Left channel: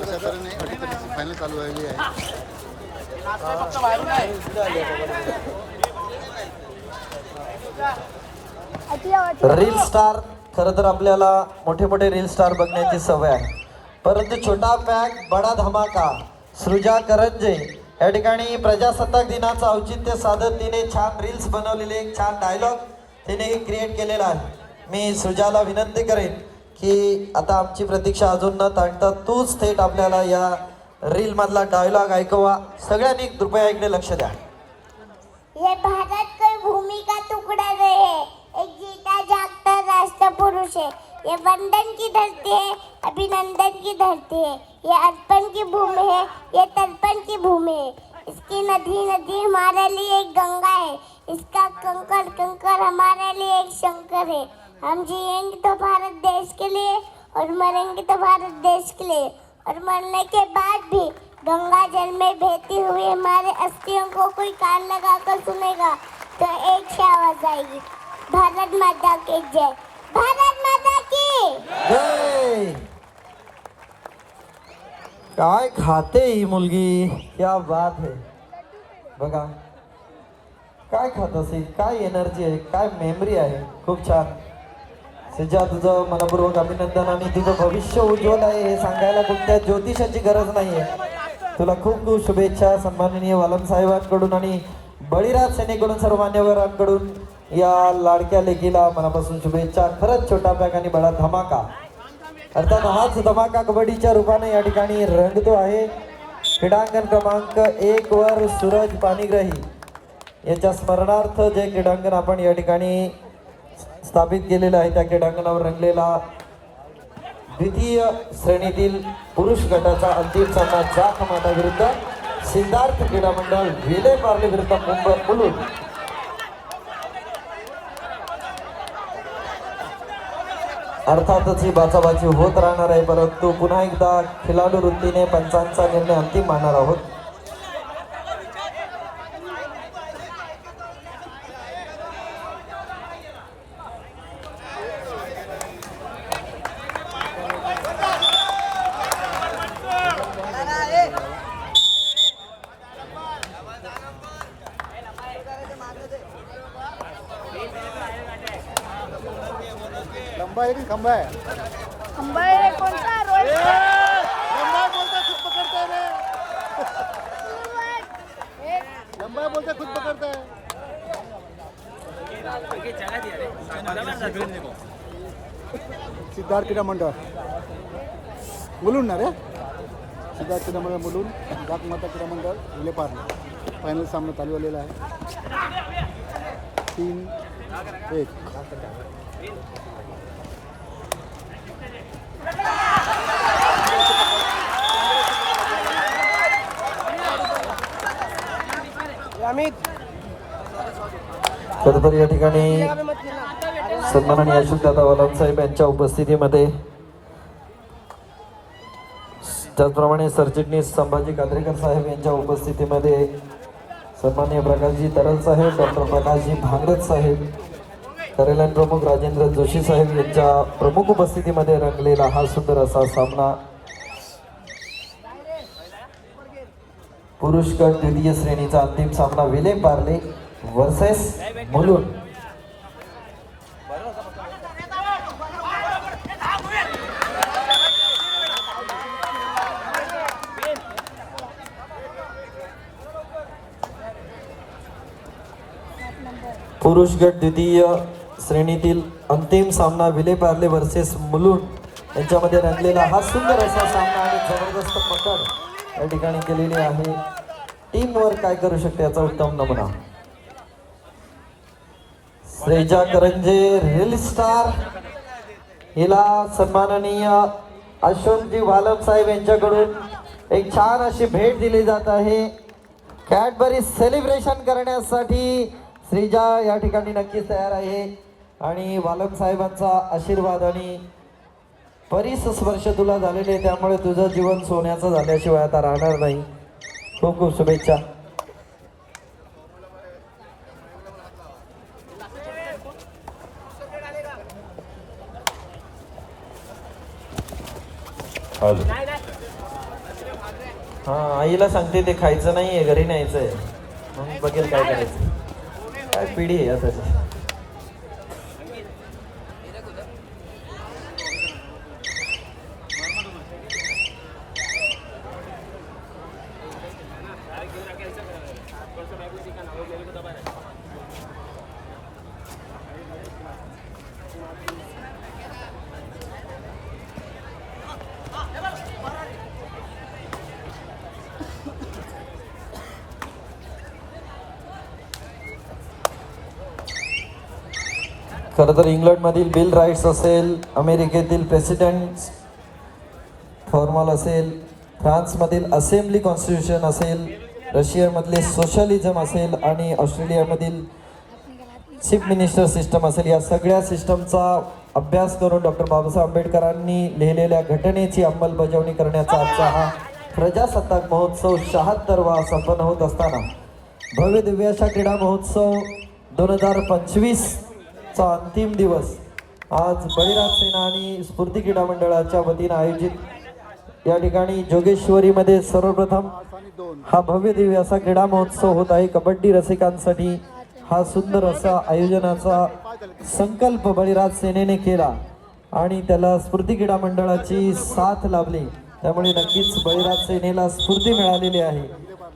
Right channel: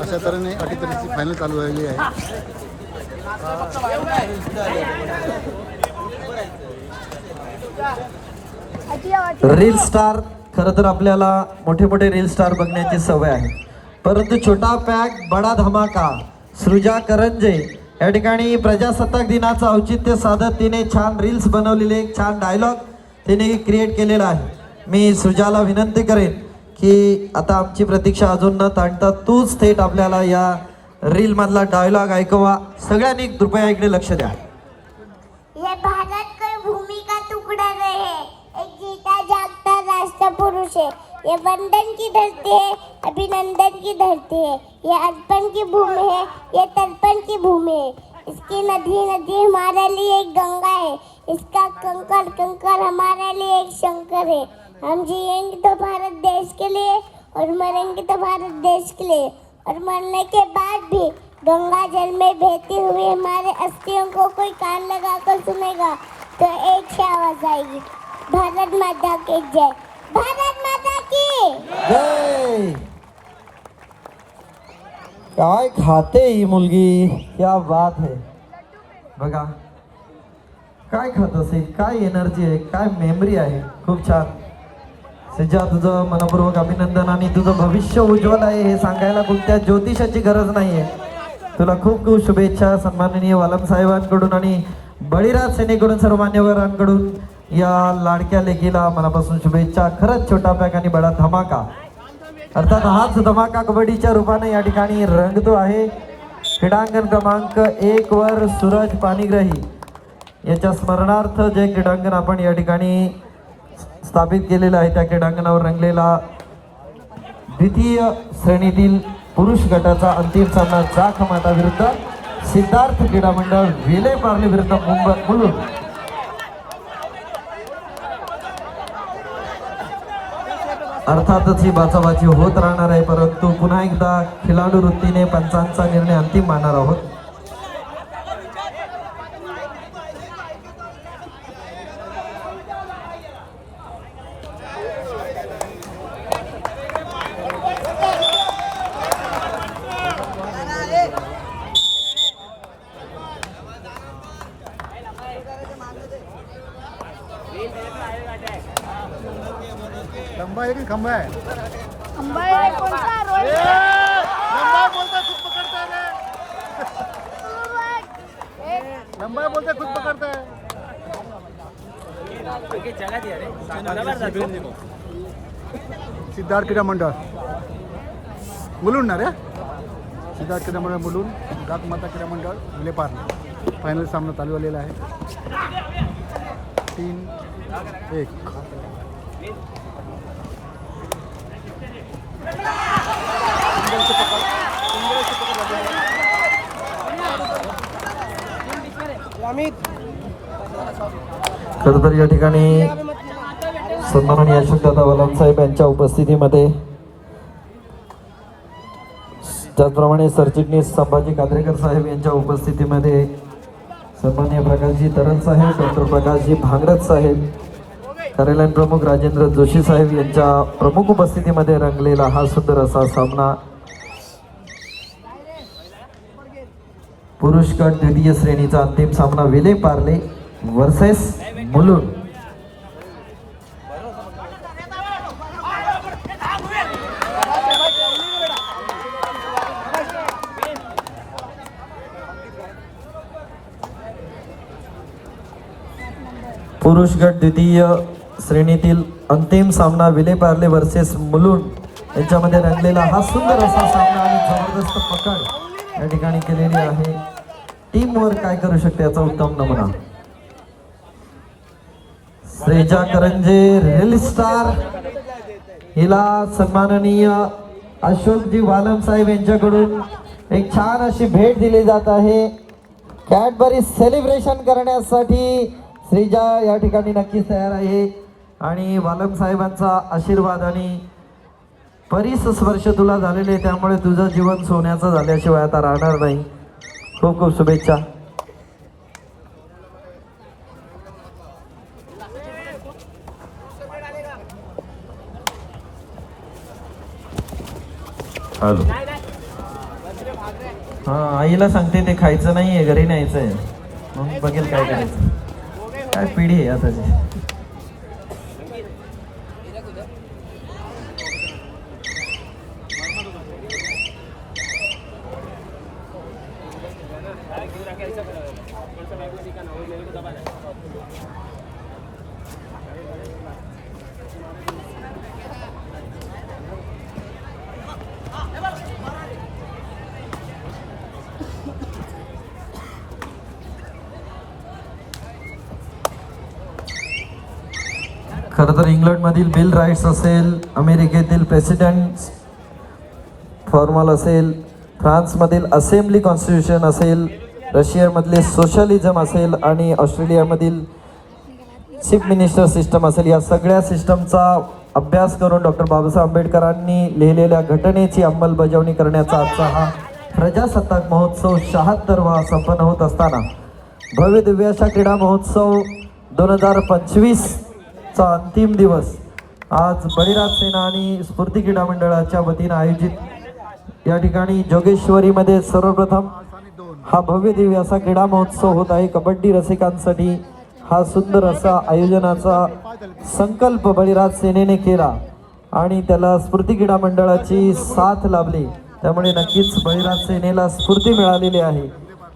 अशा तऱ्हेने अटीतटीची फायनल चालू झालेली आहे. रील स्टार खरं तर आपल्याला मोठे मोठे रील स्टार बघण्याची सवय आहे. परंतु छोटा पॅक बडा धमाका सृजा करंजे या ठिकाणी प्रजासत्ताक दिनाचं औचित्य साधत तिने छान रील्स बनवलेले एक छान डायलॉग तिने क्रिएट केलेला आहे. मी सृजाला विनंती करेन की आता आमची प्रतीक्षा अजून न ताणता तूच थेट आपल्याला या रील मधला डायलॉग ऐकवा. सगळ्यांनी कृपया इकडे लक्ष द्या. ये भारत कोई भूमि का टुकड़ा नहीं है एक जीता जागता राष्ट्र पुरुष है ये वंदन की धरती है अभिनंदन की धरती है ये अर्पण की भूमि है ये तर्पण की भूमि है इसकी नदी नदी हमारे लिए एक गंगा है इसका कंकर कंकर हमारे लिए एक शंकर है हम जिएँगे तो भारत देश के लिए और मरेंगे तो भारत देश के लिए। और मरने के बाद भी गंगा जल में बहती हुई हमारे अस्थियों को कोई कान लगाकर सुनेगा तो एक से आवाज़ आएगी। भारत माता की जय। भारत माता की! काय खाते ही मुलगी। क्या बात है। बघा काय खात असेल काय एनर्जी आहे? काय मेमरी आहे? खूप छान. सज्जा तुझं मनपूर्वक अभिनंदन आणि तुझं भविष्य उज्ज्वल आहे हे सांगायला कोणत्या ज्योतिषाची गरज नाहीये. तुला खूप खूप शुभेच्छा सन्माननीय वालम साहेबांकडून आणि बळीराज सेनेकडून सर्व मान्यवरांकडून या लाडक्या लेखीला मनापासून शुभेच्छा. खरंच छोटा पॅक आणि बडा धमाका. अर्थात हाच धमाका कबड्डीच्या रूपाने या ठिकाणी रंगतो आहे. क्रीडांगण क्रमांक एक वर सूरज पाणीग्रही. याच्या स्मरणार्थ जे क्रीडांगण आपण या ठिकाणी स्थापित केलेलं आहे. त्या क्रीडांगणावर रंगलेला द्वितीय श्रेणीतील पुरुष गटाचा अंतिम सामना जाख माता विरुद्ध सिद्धार्थ क्रीडा मंडळ विले पार्ले विरुद्ध मुंबई मुलुंड अर्थातच ही बाचाबाची होत राहणार आहे परंतु पुन्हा एकदा खिलाडू वृत्तीने पंचांचा निर्णय अंतिम मानणार आहोत खंबा आहे की खंबा आहे खंबा बोलते खुद पकडताय रे। खंबा बोलते खुद पकडताय सिद्धार्थ क्रीडा मंडळ मुलुंड ना रे? सिद्धार्थ क्रीडा मंडळ मुलुंड। गात माता क्रीडा मंडळ विलेपार फायनल सामना चालू झालेला आहे तीन एक। खरंतर या ठिकाणी सन्माननीय अशोकदादा वलाम साहेब यांच्या उपस्थितीमध्ये त्याचप्रमाणे सरचिटणीस संभाजी कात्रेकर साहेब यांच्या उपस्थितीमध्ये सन्मान्य प्रकाशजी तरल साहेब डॉक्टर प्रकाशजी भांगरत साहेब कार्यालयीन प्रमुख राजेंद्र जोशी साहेब यांच्या प्रमुख उपस्थितीमध्ये रंगलेला हा सुंदर असा सामना. पुरुष गट द्वितीय श्रेणीचा अंतिम सामना विले पार्ले वर्सेस मुलुंड. पुरुष गट द्वितीय श्रेणीतील अंतिम सामना विले पार्ले वर्सेस मुलुंड. यांच्यामध्ये रंगलेला हा सुंदर असा सामना आणि जबरदस्त पकड या ठिकाणी केलेली आहे. टीम वर काय करू शकते याचा उत्तम नमुना. श्रेजा करंजे रेल स्टार हिला सन्माननीय अशोकजी वालम साहेब यांच्याकडून एक छान अशी भेट दिली जात आहे. कॅडबरी सेलिब्रेशन करण्यासाठी श्रीजा या ठिकाणी नक्कीच तयार आहे. आणि वालम साहेबांचा आशीर्वाद आणि परीस स्पर्श तुला झालेले आहे त्यामुळे तुझं जीवन सोन्याचं झाल्याशिवाय आता राहणार नाही. खूप खूप शुभेच्छा. हॅलो हा आईला सांगते ते खायचं नाहीये घरी न्यायचं आहे बघेल काय काय पिढी आहे आताची खरं तर इंग्लंडमधील बिल राईट्स असेल अमेरिकेतील प्रेसिडेंट फॉर्मल असेल फ्रान्समधील असेंब्ली कॉन्स्टिट्यूशन असेल रशियामधले सोशलिझम असेल आणि ऑस्ट्रेलियामधील चीफ मिनिस्टर सिस्टम असेल या सगळ्या सिस्टमचा अभ्यास करून डॉक्टर बाबासाहेब आंबेडकरांनी लिहिलेल्या घटनेची अंमलबजावणी करण्याचा हा प्रजासत्ताक महोत्सव शहात्तरवा संपन्न होत असताना भव्य दिव्य अशा क्रीडा महोत्सव दोन हजार पंचवीस चा अंतिम दिवस आज बळीराज सेना आणि स्फूर्ती क्रीडा मंडळाच्या वतीनं आयोजित. या ठिकाणी जोगेश्वरीमध्ये सर्वप्रथम हा भव्य दिव्य असा क्रीडा महोत्सव होत आहे. कबड्डी रसिकांसाठी हा सुंदर असा आयोजनाचा संकल्प बळीराज सेनेने केला आणि त्याला स्फूर्ती क्रीडा मंडळाची साथ लाभली. त्यामुळे नक्कीच बळीराज सेनेला स्फूर्ती मिळालेली आहे.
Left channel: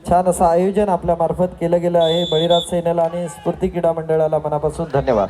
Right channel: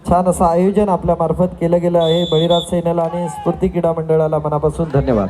छान असं आयोजन आपल्या मार्फत केलं गेलं आहे. बळीराज सेनेला आणि स्फूर्ती क्रीडा मंडळाला मनापासून धन्यवाद.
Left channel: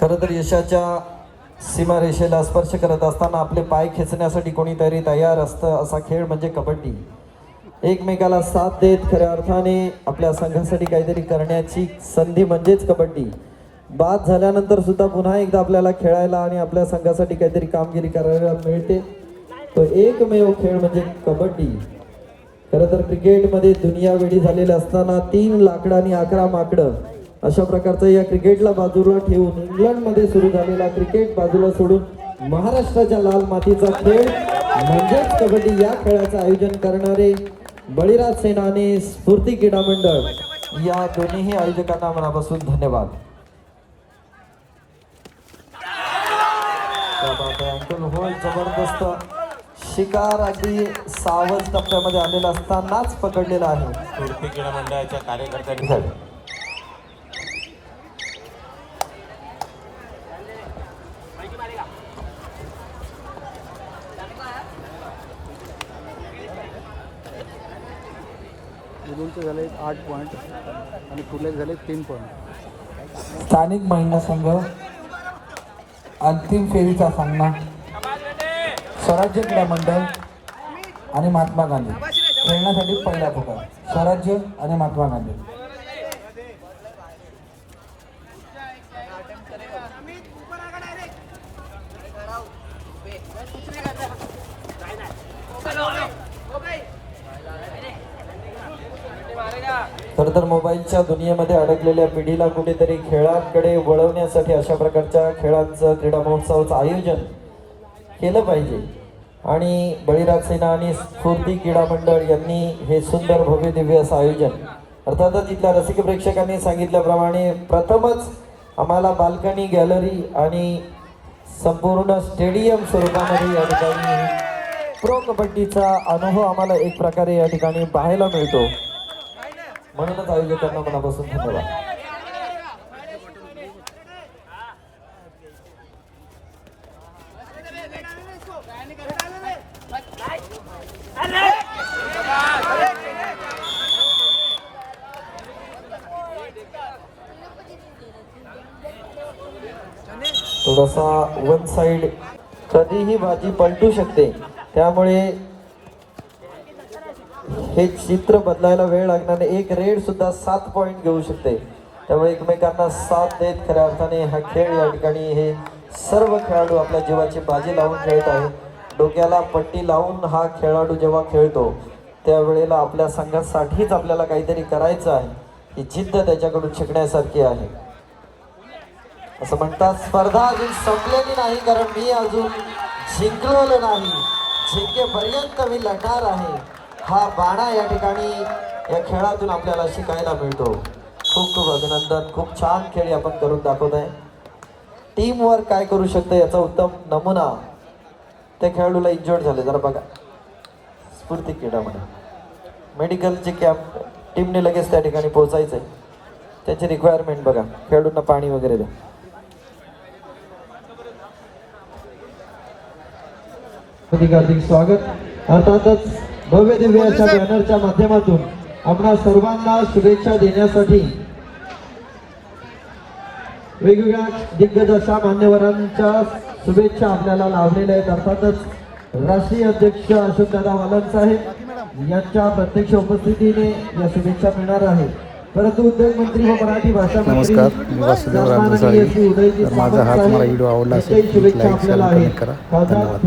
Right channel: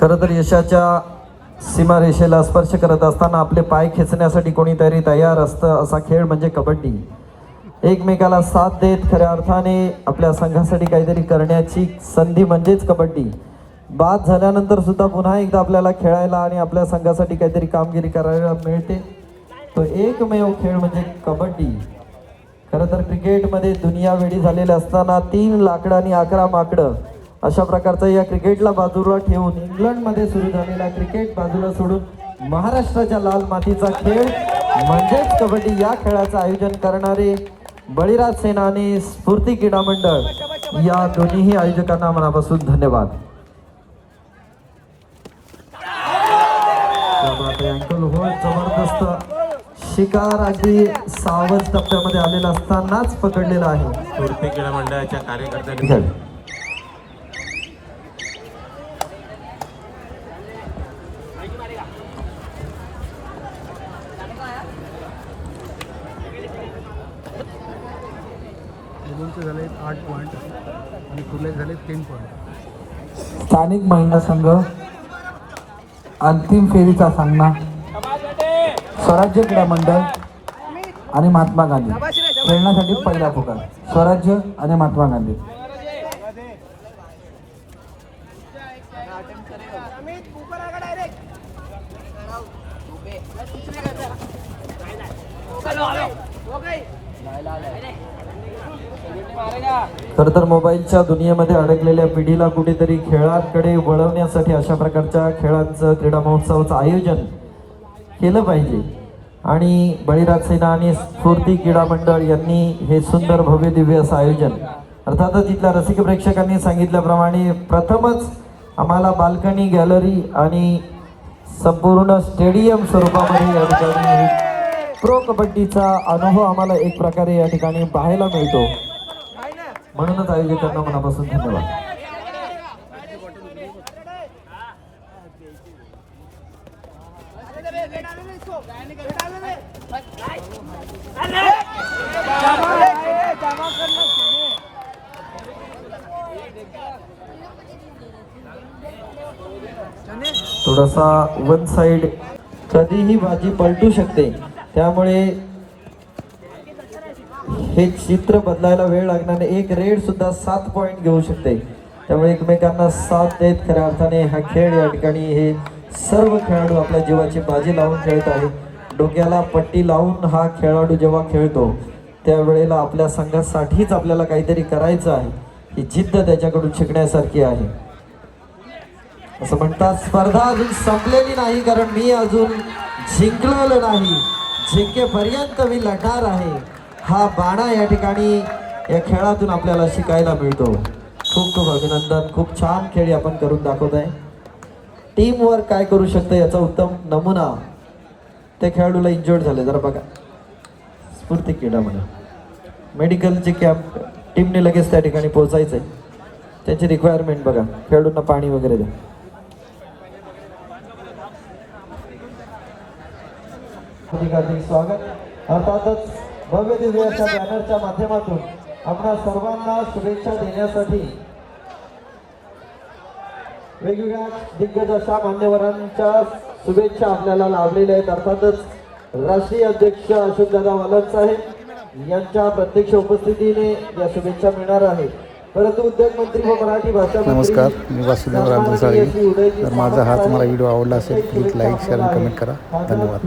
खरं तर यशाच्या सीमारेषेला स्पर्श करत असताना आपले पाय खेचण्यासाठी कोणीतरी तयार असतं असा खेळ म्हणजे कबड्डी. एकमेकाला साथ देत खऱ्या अर्थाने आपल्या संघासाठी काहीतरी करण्याची संधी म्हणजेच कबड्डी. बाद झाल्यानंतर सुद्धा पुन्हा एकदा आपल्याला खेळायला आणि आपल्या संघासाठी काहीतरी कामगिरी करायला मिळते. तो एकमेव खेळ म्हणजे कबड्डी. खरं तर क्रिकेटमध्ये दुनिया वेळी झालेल्या असताना तीन लाकडं आणि अकरा माकडं अशा प्रकारचं या क्रिकेटला बाजूला ठेवून इंग्लंडमध्ये सुरू झालेला क्रिकेट बाजूला सोडून महाराष्ट्राच्या लाल मातीचा खेळ म्हणजेच कबड्डी या खेळाचं आयोजन करणारे बळीराज सेना आणि स्फूर्ती क्रीडा मंडळ. या दोन्हीही आयोजकांना मनापासून धन्यवाद. होल्ड शिकार अगदी सावध टप्प्यामध्ये आलेला असतानाच पकडलेला आहे. मंडळाच्या कार्यकर्त्यांनी झाले आठ पॉईंट आणि झाले तीन पॉईंट. स्थानिक महिला संघ अंतिम फेरीचा सामना. स्वराज्य क्रीडा मंडळ आणि महात्मा गांधी. खेळण्यासाठी पहिला पुकार स्वराज्य आणि महात्मा गांधी. खरं तर मोबाईलच्या दुनियेमध्ये अडकलेल्या पिढीला कुठेतरी खेळाकडे वळवण्यासाठी अशा प्रकारच्या खेळांचं क्रीडा महोत्सवाचं आयोजन केलं पाहिजे. आणि बळीराज सेना आणि स्फूर्ती क्रीडा मंडळ यांनी हे सुंदर भव्य दिव्य असं आयोजन अर्थातच इथल्या रसिक प्रेक्षकांनी सांगितल्याप्रमाणे प्रथमच आम्हाला बाल्कनी गॅलरी आणि संपूर्ण स्टेडियम स्वरूपामध्ये या ठिकाणी प्रो कबड्डीचा अनुभव आम्हाला एक प्रकारे या ठिकाणी पाहायला मिळतो. म्हणूनच आयोजकांना मनापासून धन्यवाद. थोडासा वन साइड कधीही भाजी पलटू शकते. त्यामुळे हे चित्र बदलायला वेळ लागणार एक रेड सुद्धा सात पॉइंट घेऊ शकते. त्यामुळे एकमेकांना साथ देत खऱ्या अर्थाने हा खेळ या ठिकाणी हे सर्व खेळाडू आपल्या जीवाची बाजी लावून खेळत आहेत. डोक्याला पट्टी लावून हा खेळाडू जेव्हा खेळतो त्यावेळेला आपल्या संघासाठीच आपल्याला काहीतरी करायचं आहे. ही जिद्द त्याच्याकडून शिकण्यासारखी आहे. असं म्हणतात स्पर्धा अजून संपलेली नाही कारण मी अजून जिंकलेलो नाही. जिंकेपर्यंत मी लढणार आहे. हा बाणा या ठिकाणी या खेळातून आपल्याला शिकायला मिळतो. खूप खूप अभिनंदन. खूप छान खेळी आपण करून दाखवत आहे टीम वर्क काय करू शकतं याचा उत्तम नमुना ते खेळाडूला इंजोर्ड झाले जरा बघा. स्फूर्ती क्रीडामध्ये. मेडिकलचे कॅम्प टीमने लगेच त्या ठिकाणी पोहोचायचे त्याची रिक्वायरमेंट बघा. खेळाडूंना पाणी वगैरे द्या. हार्दिक हार्दिक स्वागत. अर्थातच भव्य दिव्य अशा बॅनरच्या माध्यमातून आपणा सर्वांना शुभेच्छा देण्यासाठी वेगवेगळ्या दिग्गज अशा मान्यवरांच्या शुभेच्छा आपल्याला लाभलेल्या आहेत. अर्थातच राष्ट्रीय अध्यक्ष अशोकदादा मालन साहेब यांच्या प्रत्यक्ष उपस्थितीने या शुभेच्छा मिळणार आहेत. परंतु उद्योग मंत्री व मराठी भाषा मंत्री नमस्कार मी वासुदेव रामचंद्र साळवी. तर माझा हा तुम्हाला व्हिडिओ आवडला असेल प्लीज लाईक शेअर कमेंट करा. धन्यवाद.